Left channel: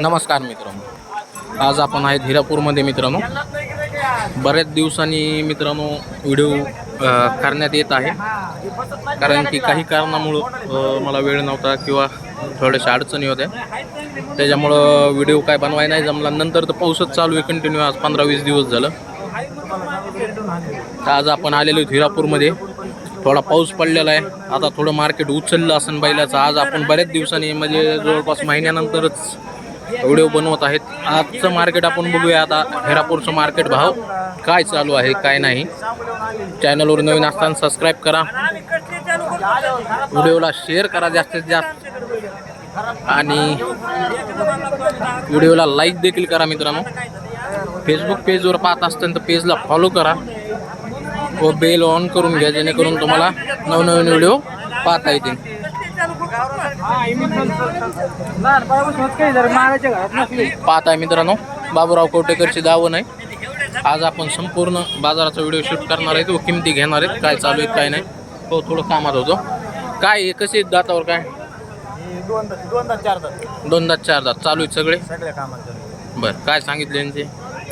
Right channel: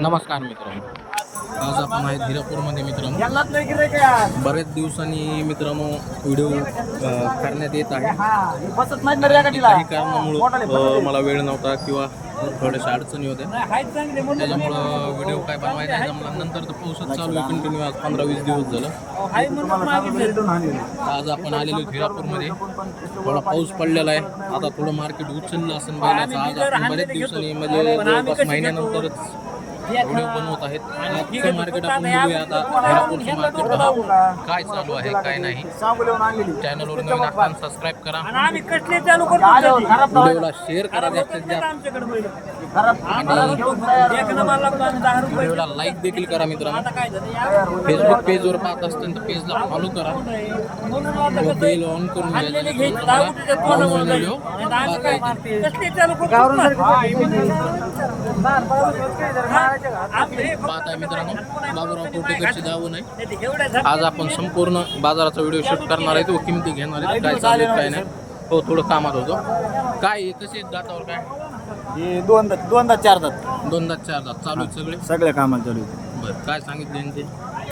नमस्कार मित्रांनो. आज आपण आहेत हिरापूरमध्ये मित्रांनो. बऱ्याच दिवसांनी मित्रांनो व्हिडिओ करण्यात येत आहे. कारण की काही कारणामुळं मला वेळ नव्हता किंवा थोड्याशा अडचणी होत्या. त्याच्यामुळं व्हिडिओ काय बनवाय नाही जमला. नंतर तर पाऊसच चालू आहे कंटिन्यू आज पंधरा वीस दिवस झालं. तर आज आपण आलेलो हिरापूरमध्ये. थोडा पाऊस पडलेला आहे. आता थोडं मार्केट उचललं असेल बैलाचं. आज आपण बऱ्याच दिवसांनी म्हणजे जवळपास महिन्यानंतरच व्हिडिओ बनवत आहेत. आजचं मार्केट आपण बघूया आता. हिरापूरचं मार्केट भाव काय चालू आहे काय नाही. चॅनलवर नवीन असताना सबस्क्राईब करा. व्हिडिओला शेअर करा जास्तीत जास्त. आणि व्हिडिओला लाईक देखील करा मित्रांनो. फेसबुक पेजवर पाहत असताना तर पेजला फॉलो करा. व बेल ऑन करून घ्या जेणेकरून तुम्हाला नवनवीन व्हिडिओ पाहता येतील. पाहताय मित्रांनो बाबूराव कोटेकरची दावण आहे. आज आपण संपूर्ण बाजाराचा व्हिडिओ शूट करणार आहेत व किमती घेणार आहेत काय चालू आहेत काय नाही. हो थोडं कामात होतो. काय कसे दातावर काय? दोनदा दोनदा दोन दात. चार दात. चालू आहेत सगळे? सगळ्या कामात चालू आहे. बरं काय सांगितले यांचे?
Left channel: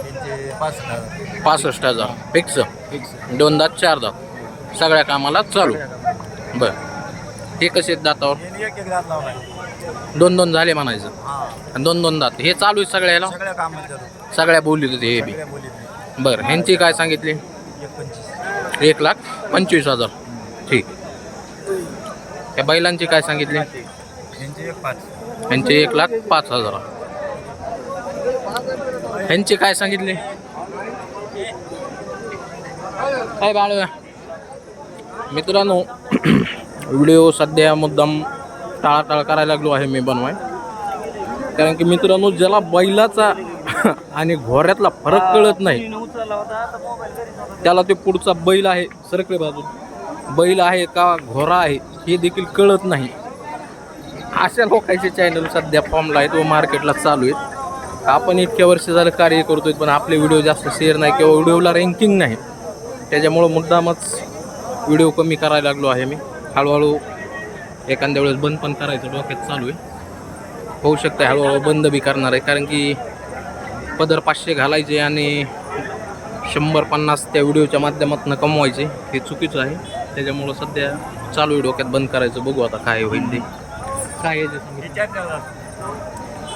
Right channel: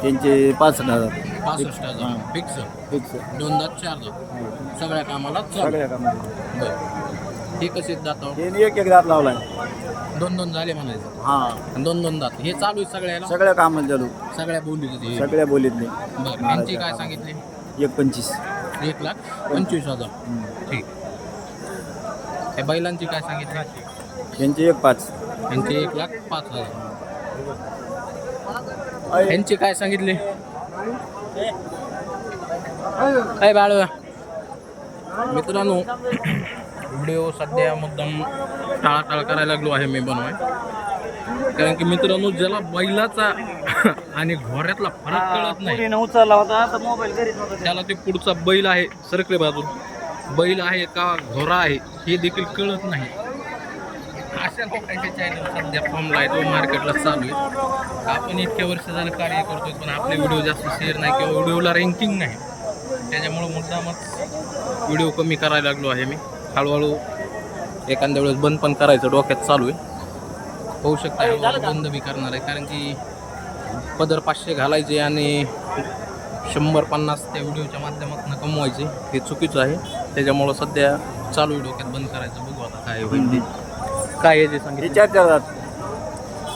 त्यांचे पासष्ट हजार. पासष्ट हजार. फिक्स? फिक्स. दोन दात चार दात. सगळ्या कामाला चालू. बरं. हे कसे आहेत दातावर? हे एक एक दात लावलाय. दोन दोन झाले म्हणायचं. हा. आणि दोन दोन दात. हे चालू आहे सगळ्याला? सगळ्या कामात चालू. सगळ्या बोलीत होते हे बी. सगळ्या बोलीतले बरं ह्यांची काय सांगितली? एक पंचवीस. एक लाख पंचवीस हजार. ठीक. या बैलांची काय सांगितली? यांचे एक पाच. ह्यांची एक लाख पाच हजार. ह्यांची काय सांगितली? काय बाळवा मित्रांनो व्हिडिओ सध्या मुद्दाम टाळाटाळ करायला लागलो आहे मी बनवाय. कारण की मित्रांनो ज्याला बैलाचा आणि घोऱ्यातला फरक कळत नाही त्याला ते पुढचा बैल आहे सरकले बाजून. बैल आहे का घोरा आहे हे देखील कळत नाही. अशा लोकांचे चॅनल सध्या फॉर्मला आहेत व मार्केटला चालू आहेत. आपण इतक्या वर्ष झालं कार्य करतोय पण आपले व्हिडिओ जास्त शेअर नाही किंवा व्हिडिओला रँकिंग नाही. त्याच्यामुळं मुद्दामच व्हिडिओ कमी करायला लागलो आहे मी. हळूहळू एखाद्या वेळेस बंद पण करायचं डोक्यात चालू आहे. होऊ शकतं हळूहळू बंद बी करणार आहे कारण की पदर पाचशे घालायचे आणि शंभर पन्नास त्या व्हिडिओच्या माध्यमातून कमवायचे हे चुकीचं आहे. त्याच्यामुळं सध्या चालू आहे डोक्यात बंद करायचं बघू आता काय होईल ते. काय आहे ते हे सांगितलं चार चार दात.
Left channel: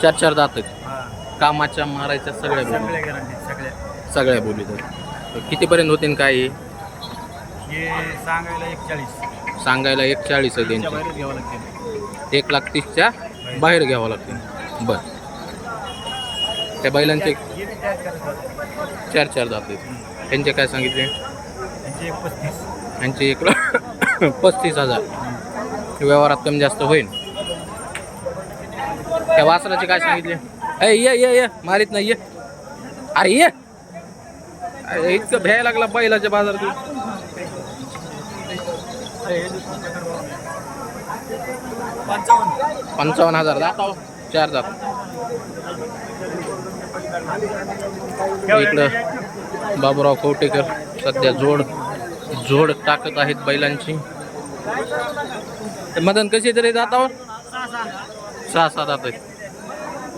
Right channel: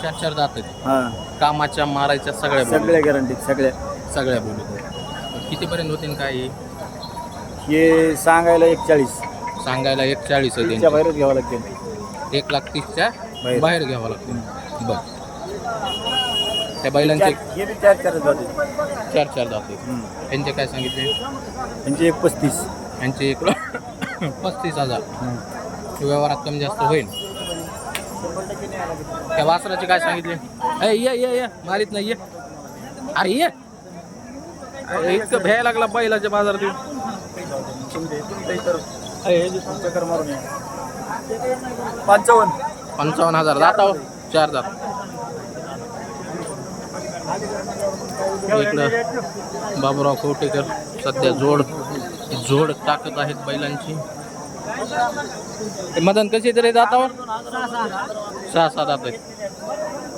चार चार दात आहेत. हा. कामाच्या मारायच्या सगळ्या बोली. सगळ्या गॅरंटी सगळ्या. सगळ्या बोलीत आहेत तर कितीपर्यंत होतील काय हे? हे सांगायला एक चाळीस सांगायला एक चाळीस आहे त्यांची. बाहेरच घ्यावं लागते एक लाख तीसच्या बाहेर. बाहेर घ्यावं लागते बर. त्या बैलांचे चार चार हम्म. त्यांचे काय सांगितले? यांचे एक पस्तीस. यांचे एक लाख पस्तीस हजार. व्यवहारात कमी जास्त होईल. त्या वासराचे काय सांगितले? ए ये ये ये. मारीत नाही ये. अरे ये. इतकं भ्यायला लागला बैलाच्या बाजारात. पंचावन्न. पंचावन्न हजार. दात आहो. चार जात. इकडं बाबूराव कवटेकर सध्या जोड जोड टाकत आहेत बैलांची. ते मदन कशी तरी दातावर सहा सहा जात आहेत.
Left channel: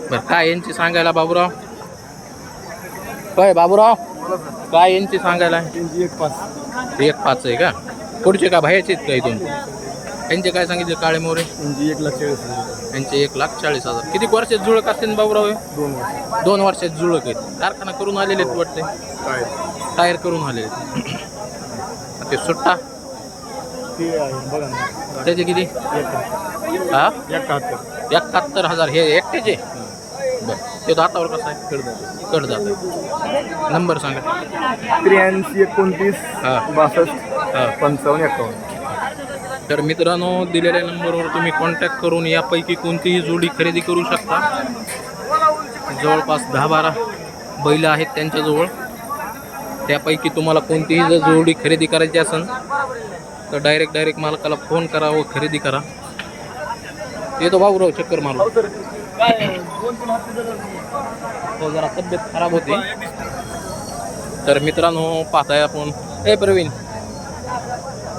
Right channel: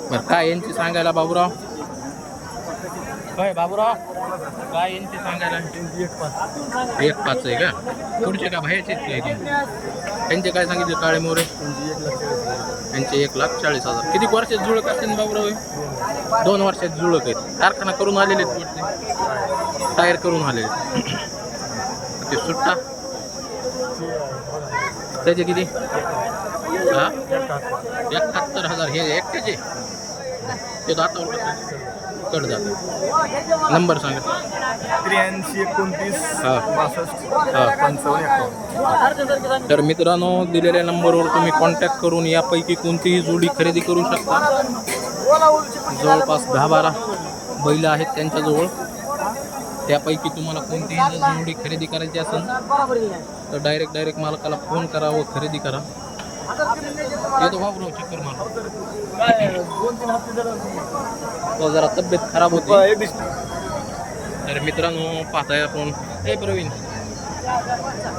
बरं काय यांची सांगायला बाबूराव? काय बाबूराव? काय यांची सांगायला? एक पाच. एक पाच आहे का? पुढचे का बाहेरचे आहेत का इथून? त्यांचे काय सांगितले काळे मोरे? म्हणजे एक लाख चाळीस हजार. यांचे एक लाख चाळीस हजार. किती वर्षात जुळक असतील ना बाबूराव हे? दोन. दोन वर्षात जुळक आहेत. कारखाना करून आलेले आहेत वाटते. टायर करून आलेले आहेत. ते सुट्टा. ते बघा ना. त्याचे किती? हा? एकाहत्तर. एकाहत्तर हजार. हे एकट्याचे? बरं. ते दातावर कसं आहे. कड जात आहे. नंबर सांगा. त्र्याऐंशी एकोणतीस हा. बासष्ट. हा. पंचावन्न एकावन्न तर मित्रांनो दिलेल्या नंबरवर तुम्ही कॉन्टॅक्ट करून यापैकी कोणतीही जोडी खरेदी करू शकता. जवळपास दहा बारा बैल आहेत त्यांच्याजवळ. त्यापैकी तुम्हाला कोणतीही जर जोडी खरेदी करायची असेल तर डायरेक्ट डायरेक्ट मालकाला फोन करा व खरेदी करा. येतो भाऊराव चक्कर मारू. तो जरा तब्येत खराब होती. तर मित्रांनो पाहताय आपण. ए प्रवीण.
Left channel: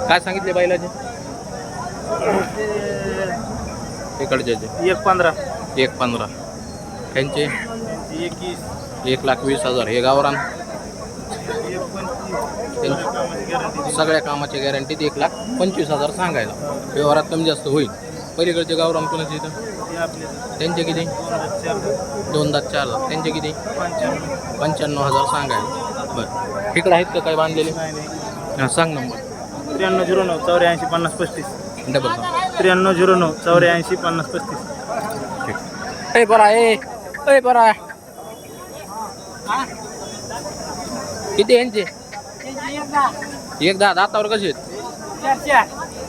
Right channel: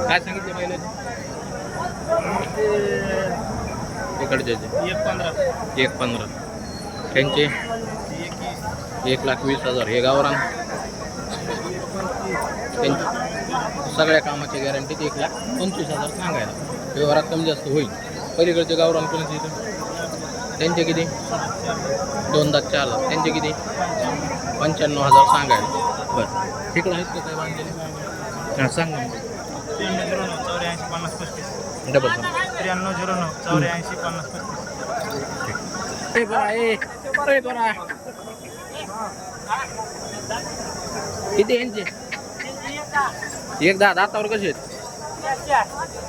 काय सांगितले बैलाचे? इकडचे एक पंधरा. एक पंधरा. त्यांचे? एक लाख वीस हजार. हे गावरान? सगळ्या कामाच्या गॅरंटीत एक लाख पंचवीस हजार सांगायला. व्यवहारात कमी जास्त होईल. पलीकडचे गावरान कोणाचे इथं? त्यांचे किती? दोन दात चार दात त्यांचे किती? पंच्याण्णव हजार सांगायला. बरं. इकडे आहेत का काय बांधलेले? हां सांग नंबर. त्र्याण्णव झिरो नऊ चौऱ्याऐंशी पन्नास पस्तीस. डबल सांग त्र्याण्णव झिरो नऊ चौऱ्याऐंशी पन्नास पस्तीस. ए बरा ए ए बरा. किती यांचे? एक दहा दातावर कसे आहेत?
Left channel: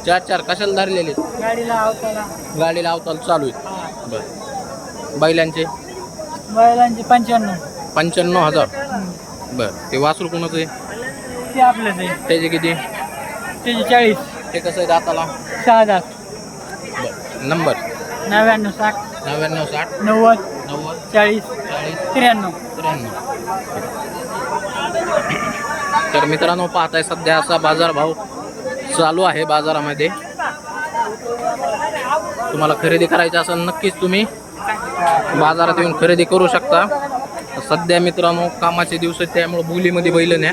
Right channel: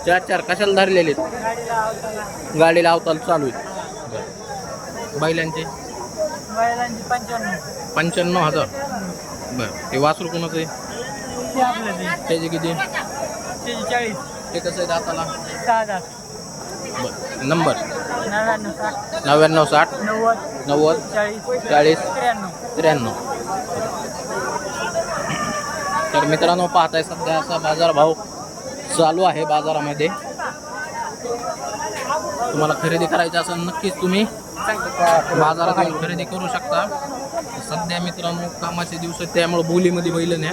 चार चार. कशाला धरलेले आहेत? गाडीला अवताल चालू आहेत. बरं. बैलांचे? बैलांची पंच्याण्णव. पंच्याण्णव हजार. बरं. ते वासरू कोणाचं आहे? ते आपलंच आहे. त्याचे किती? त्याची चाळीस ते कसं आहे दाताला? सहा हजार बरं. नंबर? नव्याण्णव साठ. नव्याण्णव साठ? नव्वद. नव्वद? चाळीस. चाळीस? त्र्याण्णव. त्र्याण्णव. तर मित्रांनो पाहताय सध्या असा बाजारभाव चालू आहे बाजारामध्ये. तुम्हाला खरेदी करायची असेल नक्कीच तुम्ही बाजारात येऊन खरेदी करू शकता. सध्या मित्रांनो कामाचे दिवस आहेत त्यामुळे बोलीमध्ये बैल न्या.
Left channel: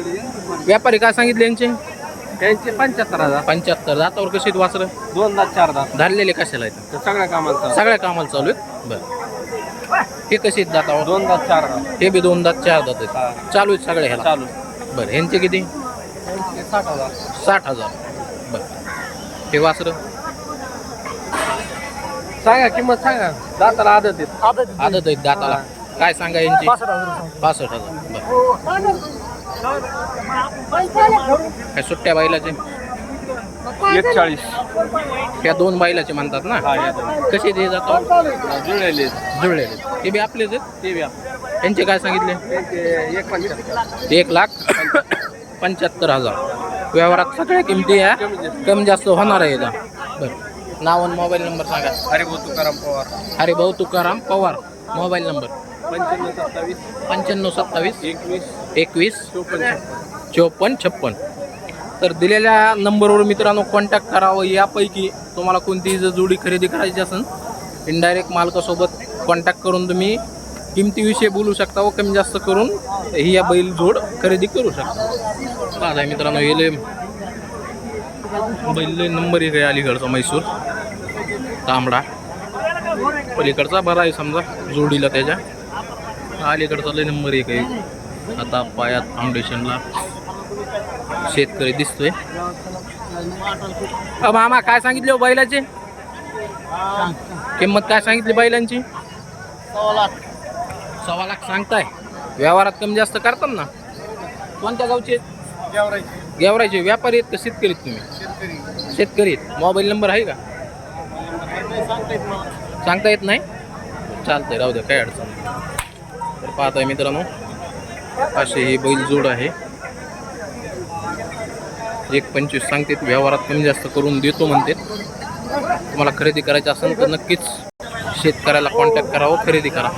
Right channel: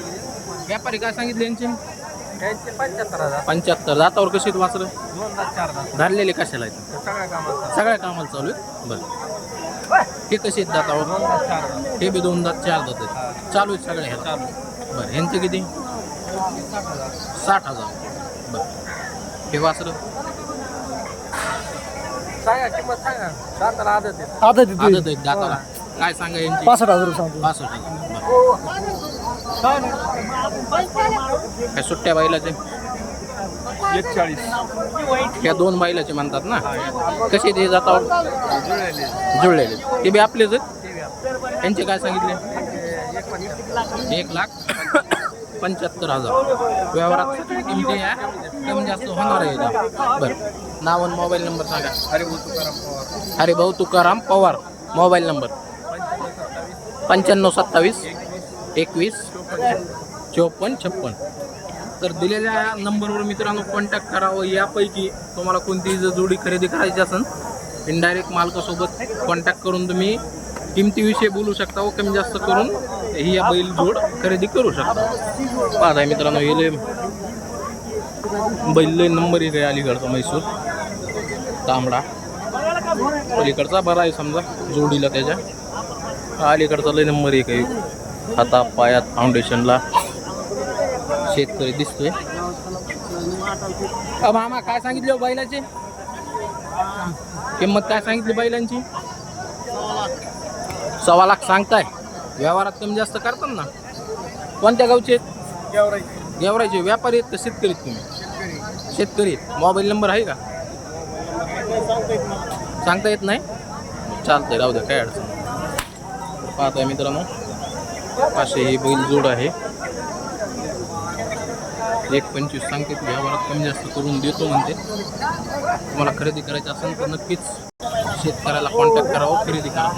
व्यापारी काय सांगितले यांचे? त्यांचे पंच्याहत्तर हजार. पंच्याहत्तर. दातावर कशी आहेत वासरं? दोन दात चार दात. धरलेले कशाला आहेत? सगळ्या कामात सगळ्या कामाला चालू आहेत? बरं. हे कसे आहेत दातावर? दोन दात चार दात. हे बी दोन दात चार दात आहेत. चालू आहेत सगळ्या ह्याला. चालू बरं ह्यांचे किती? साठ हजार. साठ हजार. बरं. हे वासरं? सांगा किंमत सांगा. दाताला आदत येत आदत आदत आहेत दाताला. काय सांगा यांची पासष्ट हजार पासष्ट हजार. बरं. काय सुट्ट्या बैलाचे? एक चाळीस ह्या दोन बैलाचे म्हणतात ना? कसे ते जातावर जुळलेले. ते बी आपलेच आहेत? ते बी यांचे काय सांगितले? एक लाख पंच्याहत्तर हजार. व्यवहारात सगळ्या किमती या. कमी जास्त होणार आहे याचा बरं. नाव आणि मोबाईल नंबर सांगा. अरे भाऊ तुकाराम पवार. अरे भाऊ तुकाराम पवार. Mobile number. पंच्याण्णव सत्तावीस. पंच्याण्णव सत्तावीस. एकवीस चौपन्न चोपन्न छप्पन. तर दिलेल्या नंबरवर मित्रांनो कॉन्टॅक्ट करावं. यापैकी तुम्हाला कोणतीही जर जोडी खरेदी करायची असेल इनडायरेक्ट मालकासोबत कॉन्टॅक्ट करून तुम्ही किमतीविषयी बोलू शकता व कमी जास्त करून ही या बैल जोड खरेदी करू शकता. पाहताय मित्रांनो हे लय बैल लय नंबर एक आहे अलीकडचा म्हैसूर तांबडा. पलीकडचा बरा आहे समजा जोडीला त्याच्या. अलीकडचा लय नंबर एक आहे. आता पायात फाउंडेशनला शेतकरी दिसतोय. मामा काय सांगितले हो बैलाचे? किंमत काय सांगितली बैलांची? सव्वा लाख सांगताय. व्यवहारात कमी जास्त करतात ना? कोणत्या गावचे? आहेत? गेवरायचे व्यापारी आहेत का शेतकरी आहेत तुम्ही? शेतकरी शेतकरी आहेत. मोबाईल नंबर आहे का? सांगता येत नाही? चालतंय राहू द्या काय अडचण नाही. तर पाहतोय मित्रांनो. असे ही बैल जोड आहे. एक पंचवीस सांगते व्यवहारात कमी जास्त करून देतो म्हणते. तुम्हाला खरेदी करायची असेल तर नक्कीच शेतकऱ्याला कॉन्टॅक्ट करावं खरेदी करा.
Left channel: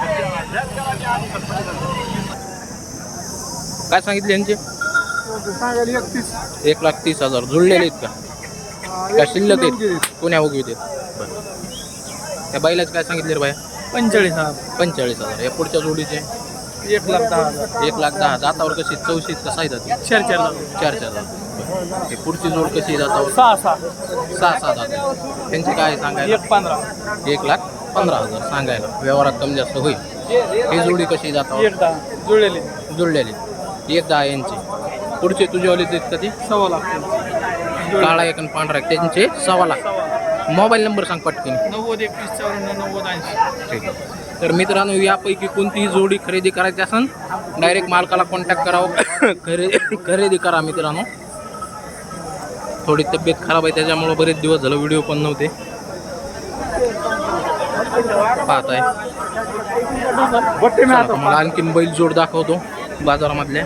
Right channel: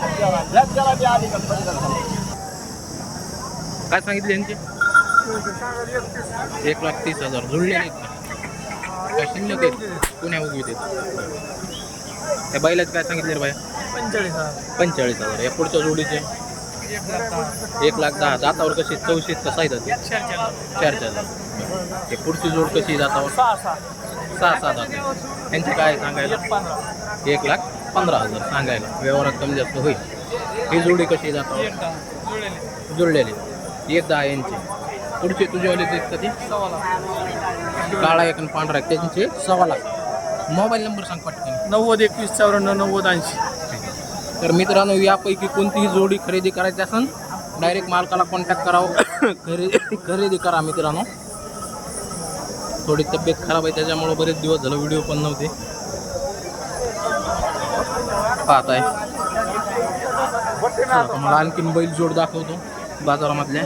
काय सांगितले यांचे? एक लाख तीस हजार. जुळलेले आहेत का? काय शिल्लक आहेत? पुण्या उगवीत आहेत? त्या बैलाचे काय सांगितले रे बाया? पंचेचाळीस हजार. पंचेचाळीस हजार. या पुढच्या जोडीचे? एक लाख दहा हजार. एक लाख दहा दातावर कशी चौशीत कसा जाते चार चार हजार चार चार दात बरं. हे पुढची जोड कशी आहे दातावर सहा सहा. सहा सहा दात आहे त्यांचे काय सांगायला? एक पंधरा. एक लाख पंधरा हजार सांगायला. व्यवहारात कमी जास्त होईल. ही जोडी कशी आहे दातावर एक दहा. जुळलेले. जुळलेली. एक दहा यांची. पुढचे तुझेवालेच आहेत का ते? सव्वा लाख. काळा एक आणि पांढरा एक. त्यांचे सव्वा लाख. मोबाईल नंबर सांग पटकन. नव्वद एकवीस चौऱ्याण्णव नव्वद ऐंशी. ठीक आहे. तर मित्रांनो यापैकी कोणतीही जोडी खरेदी करायची असेल डायरेक्ट मालकाला कॉन्टॅक्ट करावं. खरेदी खरेदी करा मित्रांनो. थोडी तब्येत खराब आहे त्याच्यामुळं बरेच दिवस झालं व्हिडिओ पण नव्हते. पाहत आहे तुम्हाला आणखीन बैल जोड दाखवतो बाजारामधल्या.